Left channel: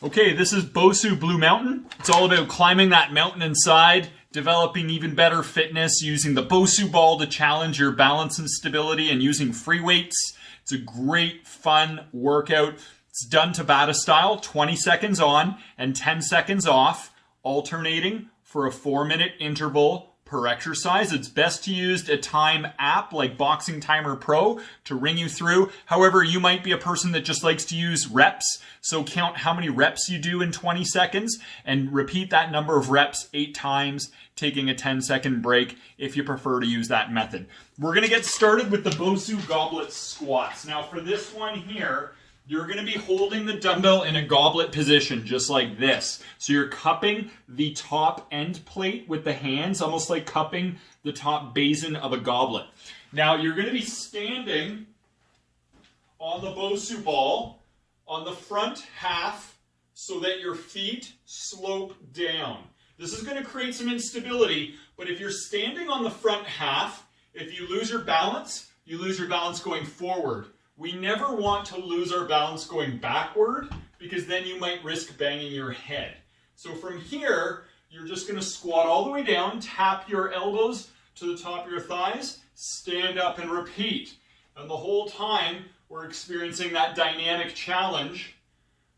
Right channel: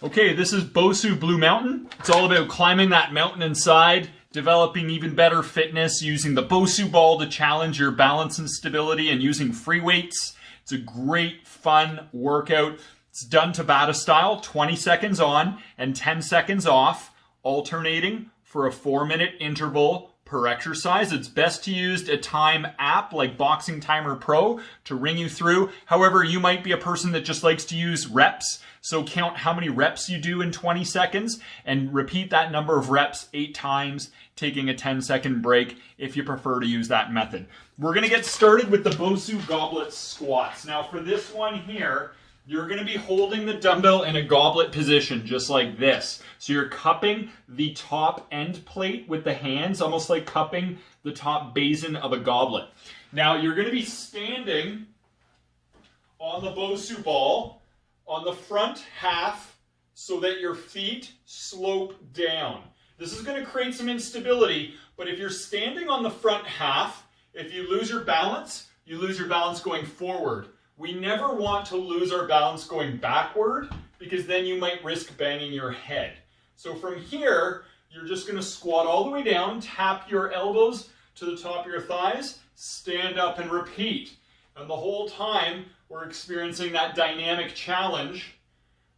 Okay, this is Bosu Blue Mountain. It's all about climbing that mountain inside, developing even better fitness, using the Bosu ball to challenge your balance and stability, and using free weights. It's a great, fun workout. It's done Tabata style, 20 seconds on and 10 seconds off, alternating for a 4-minute interval per exercise. It's best to use a time app like Boxing Timer Pro to ring you through. However, you might be a person that just likes to use reps. So count how many reps you do in 20 seconds and repeat that number of reps 8 times, taking a 10-second break if you prefer to use that method. We're going to get started with the Bosu goblet squats. Now for this one here, you're going to be holding the dumbbell in a goblet position, just like this. So you're cupping the top end plate with the hands, almost like cupping the top basin of a goblet. Now you're going to be standing on the Bosu ball on the front half so that your feet slope down. This is going to create some instability, but if you're standing on the front half, if you lose your balance going forward. We never want to lose our balance going backward because then you might risk banging your head. So from here, you're just going to squat all the way down, tap your elbows to the top of your thighs, stand up and repeat. And the whole time, we're experiencing that dynamic challenge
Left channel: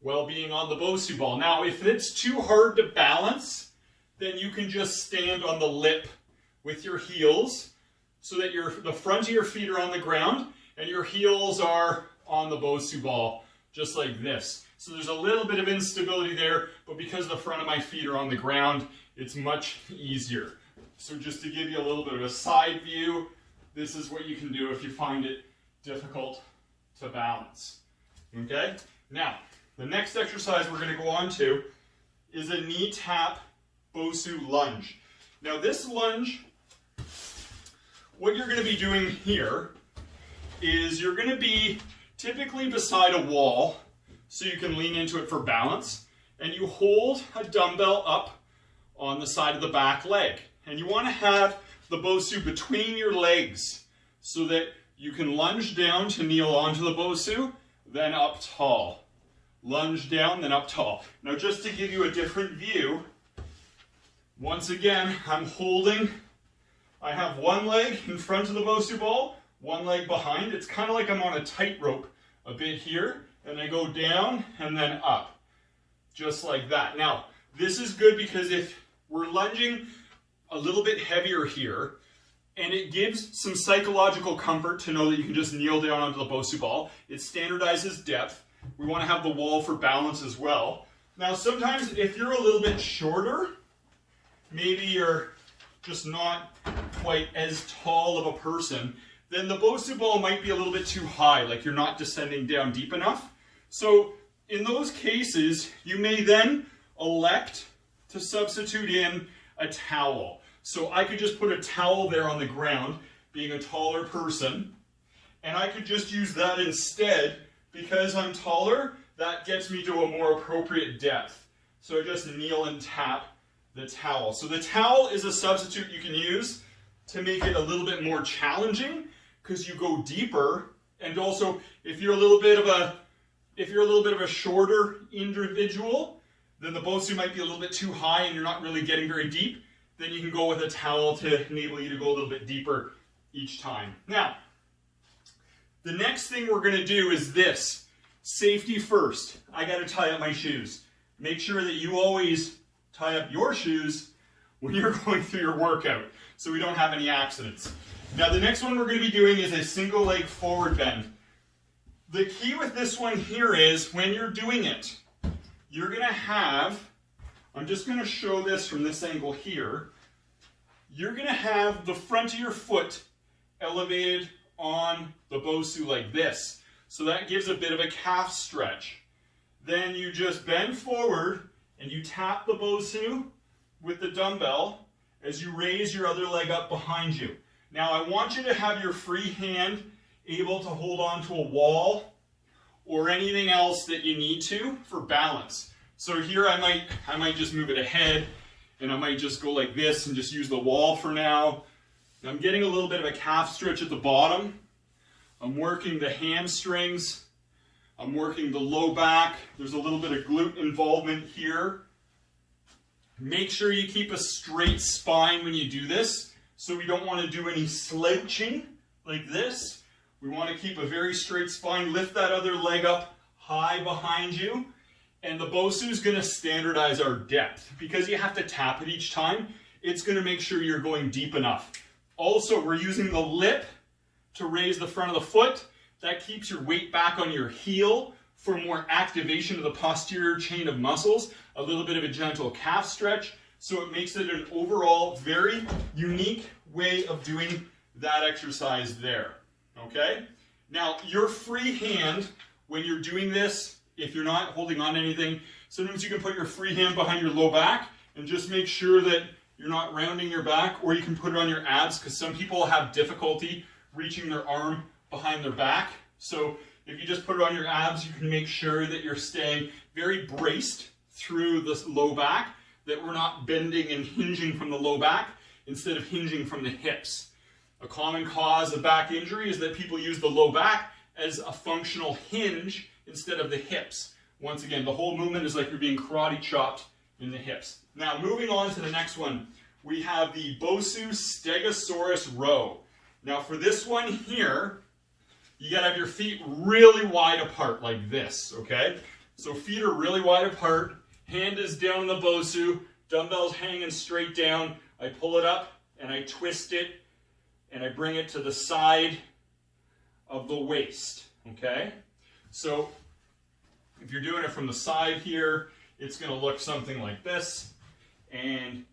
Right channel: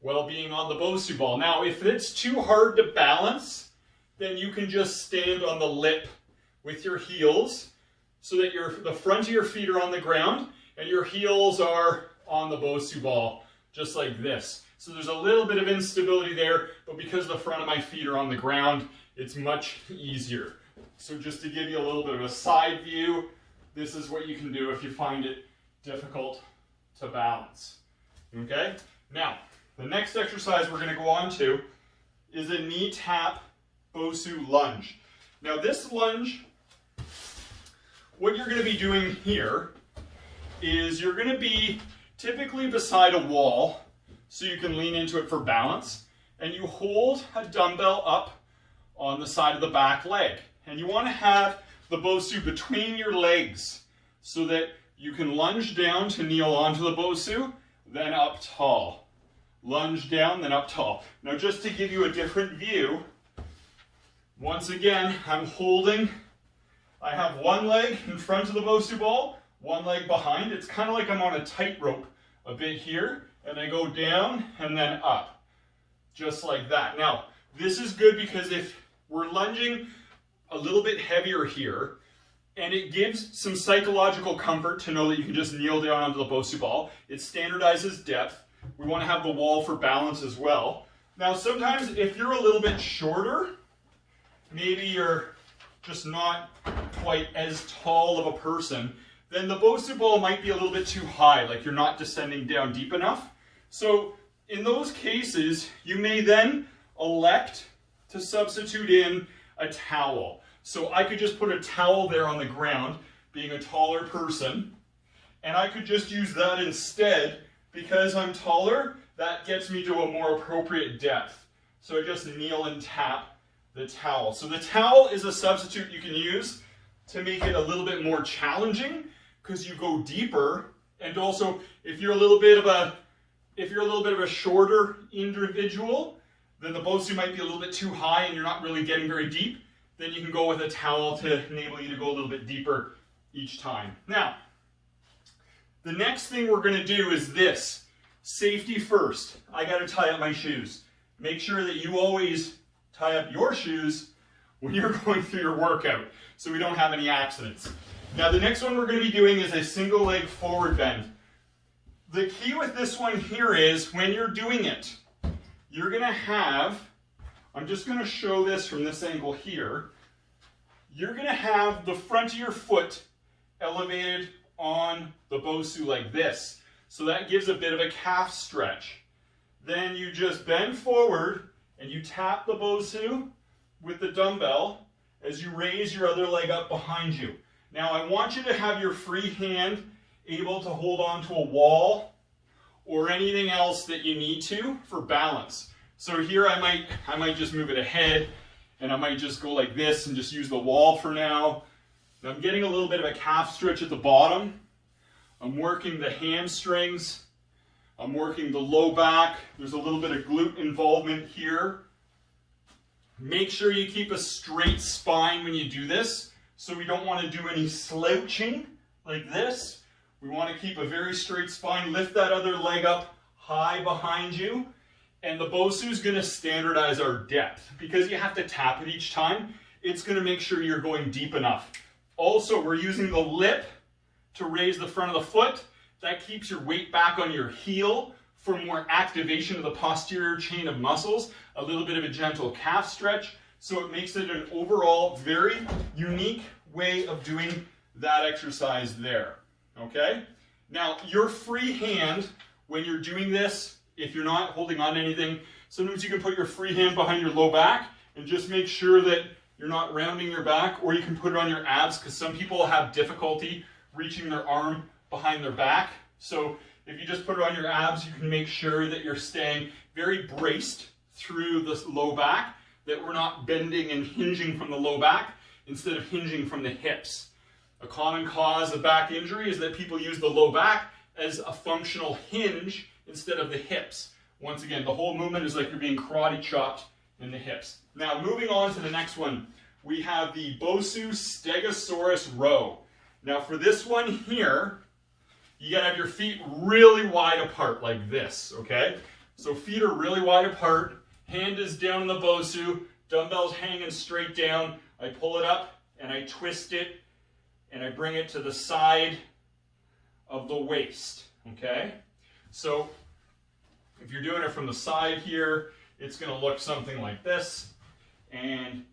while being on the Bosu ball. Now, if it's too hard to balance, then you can just stand on the lip with your heels so that the front of your feet are on the ground and your heels are on the Bosu ball, just like this. So there's a little bit of instability there, but because the front of my feet are on the ground, it's much easier. So just to give you a little bit of a side view, this is what you can do if you find it difficult to balance. Okay? Now, the next exercise we're going to go on to is a knee tap Bosu lunge. Now this lunge, what you're going to be doing here is you're going to be typically beside a wall so you can lean into it for balance, and you hold a dumbbell up on the side of the back leg, and you want to have the Bosu between your legs so that you can lunge down to kneel onto the Bosu, then up tall. Lunge down, then up tall. Now just to give you a different view, once again I have one leg in front of the Bosu ball, one leg behind. It's kind of like I'm on a tightrope a bit here, and I go down and then up, just like that. Now, this is good because if we're lunging a little bit heavier here, and it gives some psychological comfort to know that you can just kneel down onto the Bosu ball. It standardizes depth. We want to have the wall for balance as well. Now, sometimes if you're a little bit shorter, maybe you're just not quite as tall of a person, then the Bosu ball might be a little bit too high, like you're not descending down deep enough. So in those cases, you may then elect to substitute in a towel. So I could just put a towel there on the ground, being a taller person, and I could just use that instead. Because I'm taller, that gets me to a more appropriate depth. So I just kneel and tap the towel. So the towel is a substitute you can use to make it a little bit more challenging, because you go deeper, and also if you're a little bit of a shorter individual, then the Bosu might be a little bit too high and you're not really getting very deep, then you can go with a towel to enable you to go a little bit deeper each time. Now, the next thing we're going to do is this. Safety first. I got to tie up my shoes. Make sure that you always tie up your shoes when you're going through your workout so we don't have any accidents. Now the next one we're going to be doing is a single leg forward bend. The key with this one here is when you're doing it, you're going to have, I'm just going to show this from this angle here, you're going to have the front of your foot elevated on the Bosu like this. So that gives a bit of a calf stretch. Then you just bend forward and you tap the Bosu with the dumbbell as you raise your other leg up behind you. Now I want you to have your free hand able to hold on to a wall or anything else that you need to for balance. So here I might just move it ahead, and I might just go like this and just use the wall for now. I'm getting a little bit of a calf stretch at the bottom. I'm working the hamstrings. I'm working the low back. There's a little bit of glute involvement here. Make sure you keep a straight spine when you do this. So we don't want to do any slouching like this. We want to keep a very straight spine. Lift that other leg up high behind you. And the Bosu is going to standardize our depth. Because you have to tap it each time, it's going to make sure you're going deep enough. Also, we're using the lip to raise the front of the foot. That keeps your weight back on your heel for more activation of the posterior chain of muscles. A little bit of a gentle calf stretch. So it makes it an overall very unique way of doing that exercise there. Okay? Now, your free hand, when you're doing this, if you're not holding on to anything, sometimes you can put your free hand behind your low back and just make sure that you're not rounding your back, or you can put it on your abs because some people have difficulty reaching their arm behind their back. So if you just put it on your abs, you can make sure that you're staying very braced through the low back, that we're not bending and hinging from the low back instead of hinging from the hips. A common cause of back injury is that people use the low back as a functional hinge instead of the hips. Once again, the whole movement is like you're being karate chopped in the hips. Now, moving on to the next one, we have the Bosu Stegosaurus row. Now, for this one here, you gotta have your feet really wide apart like this, okay? So feet are really wide apart, hand is down in the Bosu, dumbbells hanging straight down. I pull it up and I twist it and I bring it to the side of the waist, okay? So if you're doing it from the side here, it's going to look something like this. And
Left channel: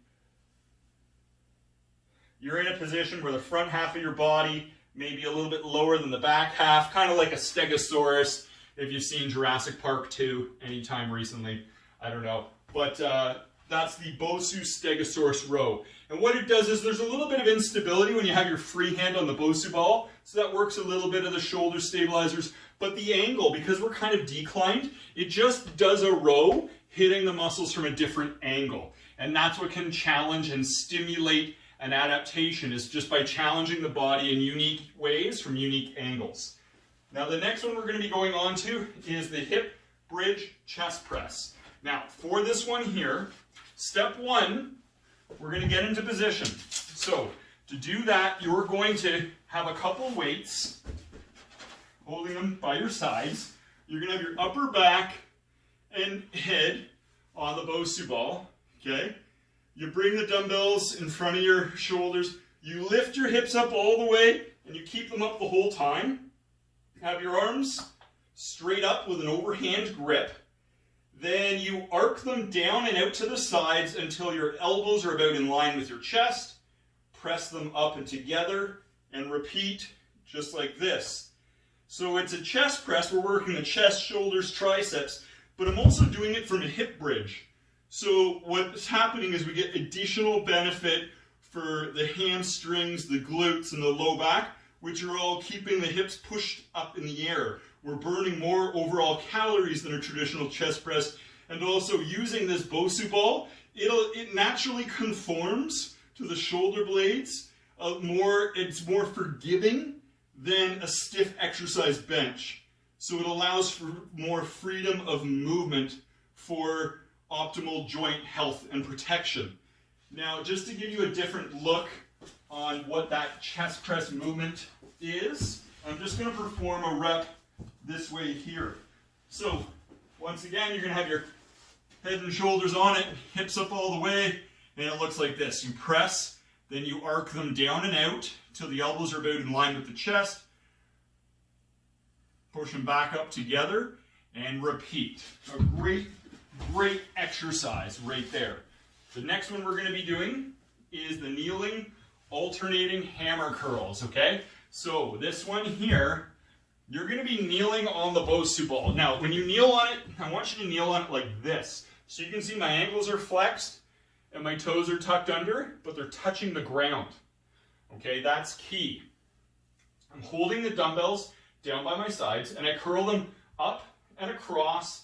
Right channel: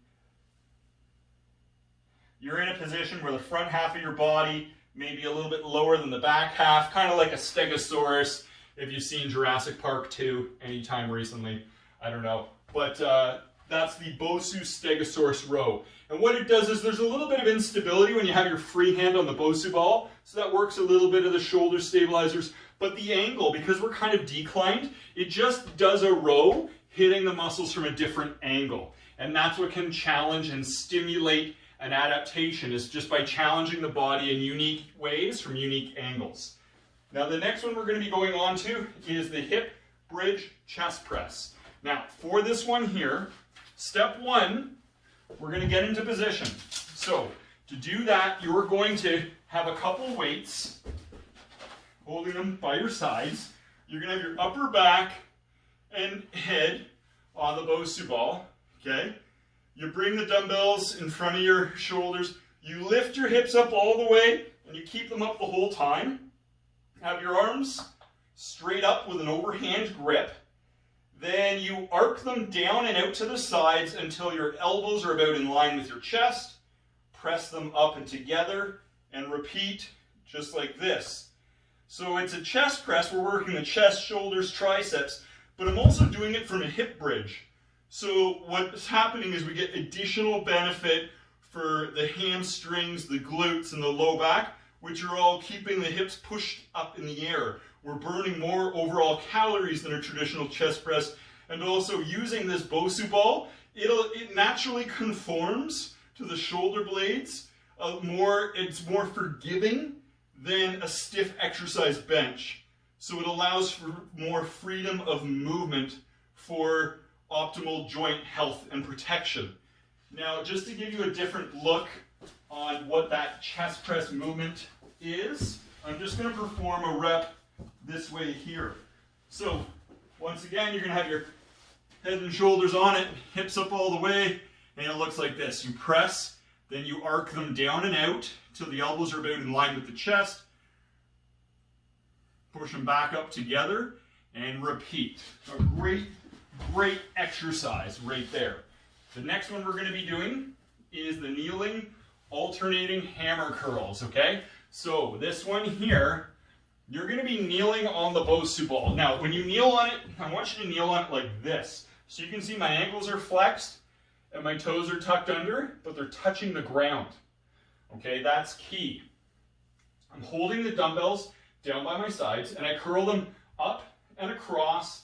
you're in a position where the front half of your body may be a little bit lower than the back half, kind of like a Stegosaurus, if you've seen Jurassic Park 2 anytime recently. I don't know. But that's the Bosu Stegosaurus row. And what it does is there's a little bit of instability when you have your free hand on the Bosu ball. So that works a little bit of the shoulder stabilizers. But the angle, because we're kind of declined, it just does a row hitting the muscles from a different angle. And that's what can challenge and stimulate an adaptation, is just by challenging the body in unique ways from unique angles. Now the next one we're going to be going on to is the hip bridge chest press. Now for this one here, step one, we're going to get into position. So to do that, you're going to have a couple weights, holding them by your sides. You're going to have your upper back and head on the Bosu ball, okay? You bring the dumbbells in front of your shoulders. You lift your hips up all the way, and you keep them up the whole time. Have your arms straight up with an overhand grip. Then you arc them down and out to the sides until your elbows are about in line with your chest. Press them up and together, and repeat just like this. So it's a chest press. We're working the chest, shoulders, triceps, but I'm also doing it from a hip bridge. So what's happening is we get additional benefit for the hamstrings, the glutes, and the low back, which are all keeping the hips pushed up in the air. We're burning more overall calories than a traditional chest press, and also using this Bosu ball, it naturally conforms to the shoulder blades. It's more forgiving than a stiff exercise bench. So it allows for more freedom of movement for optimal joint health and protection. Now, just to give you a different look on what that chest press movement is, I'm just going to perform a rep this way here. So, once again, you're going to have your head and shoulders on it, hips up all the way, and it looks like this. You press, then you arc them down and out till the elbows are about in line with the chest. Push them back up together and repeat. A great exercise right there. The next one we're going to be doing is the kneeling alternating hammer curls, okay? So this one here, you're going to be kneeling on the Bosu ball. Now, when you kneel on it, I want you to kneel on it like this. So you can see my ankles are flexed and my toes are tucked under, but they're touching the ground. Okay, that's key. I'm holding the dumbbells down by my sides and I curl them up and across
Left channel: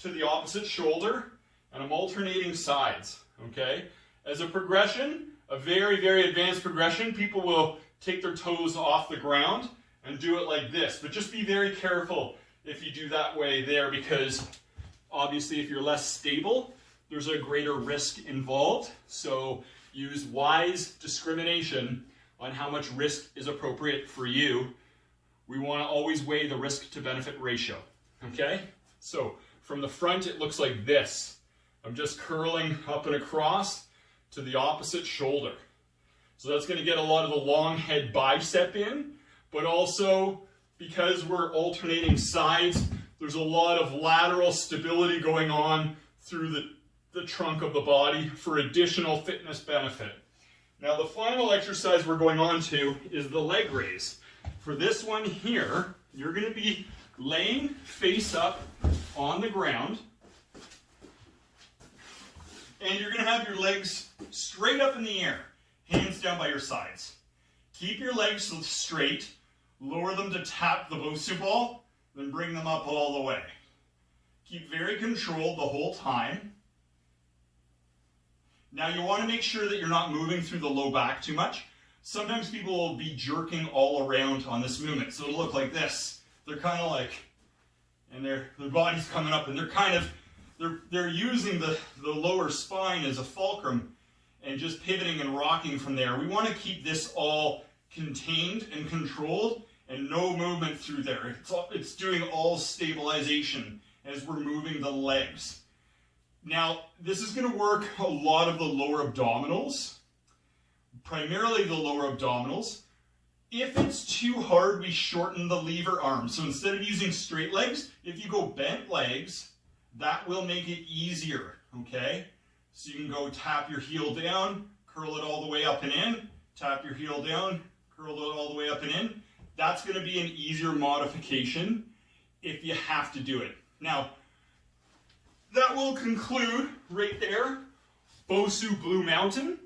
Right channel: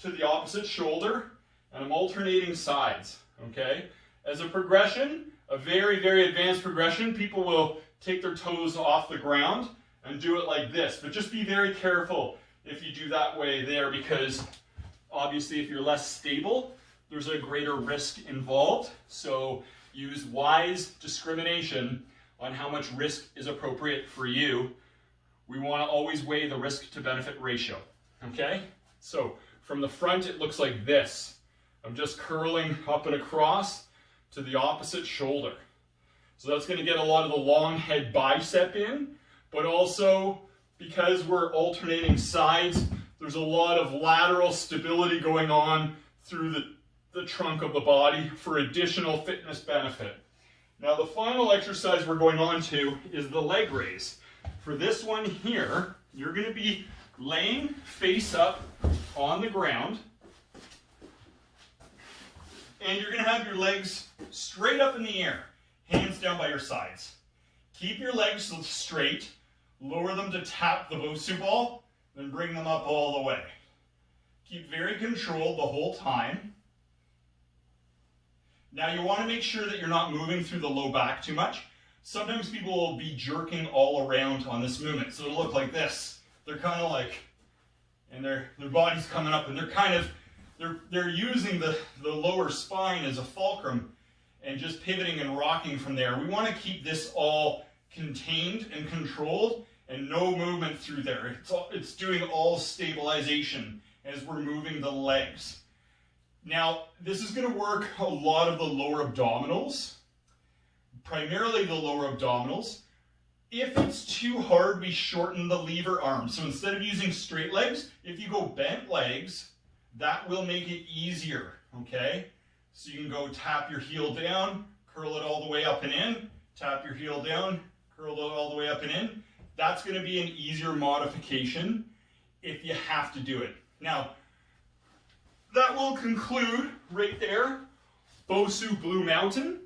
to the opposite shoulder, and I'm alternating sides, okay? As a progression, a very advanced progression, people will take their toes off the ground and do it like this, but just be very careful. if you do that way there, because obviously if you're less stable, there's a greater risk involved. So use wise discrimination on how much risk is appropriate for you. We want to always weigh the risk to benefit ratio, okay? So from the front, it looks like this. I'm just curling up and across to the opposite shoulder. So that's going to get a lot of the long head bicep in, but also because we're alternating sides, there's a lot of lateral stability going on through the trunk of the body for additional fitness benefit. Now the final exercise we're going on to is the leg raise. For this one here, you're going to be laying face up on the ground, and you're going to have your legs straight up in the air, hands down by your sides. Keep your legs straight, lower them to tap the Bosu ball, then bring them up all the way. Keep very controlled the whole time. Now you want to make sure that you're not moving through the low back too much. Sometimes people will be jerking all around on this movement, so it'll look like this. They're kind of like, and their body's coming up, and they're kind of, they're using the lower spine as a fulcrum and just pivoting and rocking from there. We want to keep this all contained and controlled and no movement through there. It's doing all stabilization as we're moving the legs. Now, this is going to work a lot of the lower abdominals, primarily the lower abdominals. If it's too hard, we shorten the lever arm. So instead of using straight legs, if you go bent legs, that will make it easier, okay? So you can go tap your heel down, curl it all the way up and in, tap your heel down, curl it all the way up and in. That's going to be an easier modification if you have to do it. Now, that will conclude right there, Bosu Blue Mountain.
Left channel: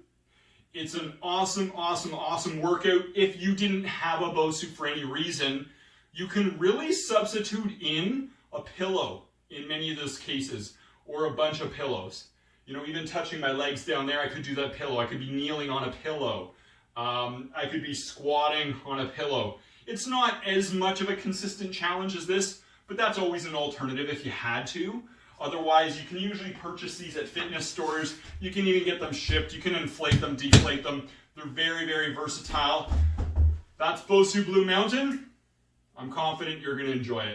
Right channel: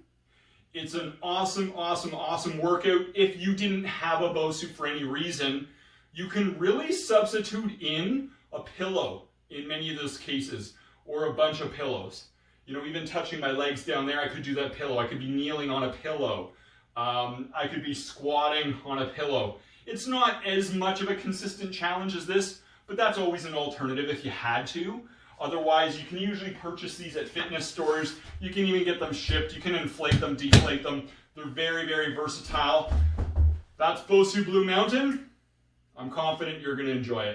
It's an awesome, awesome, awesome workout. If you didn't have a Bosu for any reason, you can really substitute in a pillow in many of those cases, or a bunch of pillows. You know, even touching my legs down there, I could do that pillow. I could be kneeling on a pillow. I could be squatting on a pillow. It's not as much of a consistent challenge as this, but that's always an alternative if you had to. Otherwise, you can usually purchase these at fitness stores. You can even get them shipped. You can inflate them, deflate them. They're very, very versatile. That's Bosu Blue Mountain. I'm confident you're going to enjoy it.